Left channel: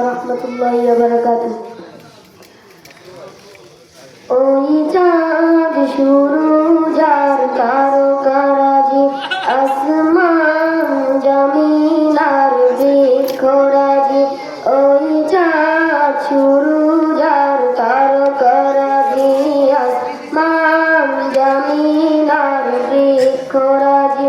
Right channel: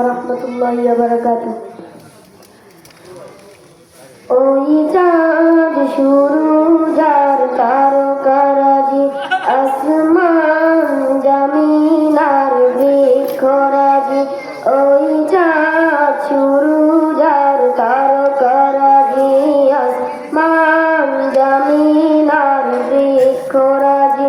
রহমতুল্লাহি বারাকাতু ওই চাঁদ শুরু যার কারও কারাজি আসমান জমিনার বিখরাজি ওই চাঁদ শুরু যার কারও কারাজি আসমান জমিনার বিখরাজি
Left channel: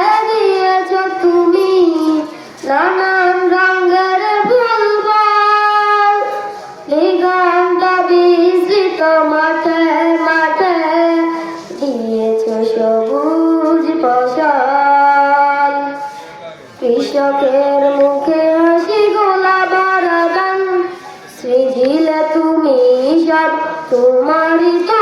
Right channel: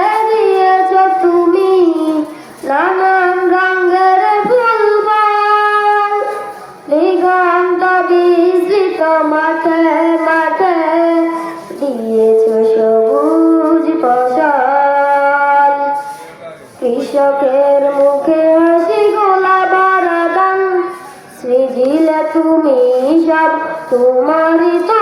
কৃষকের মুখে হাসি গোলা বারাদান। সৃজিলে তুমি সব তোমারই তো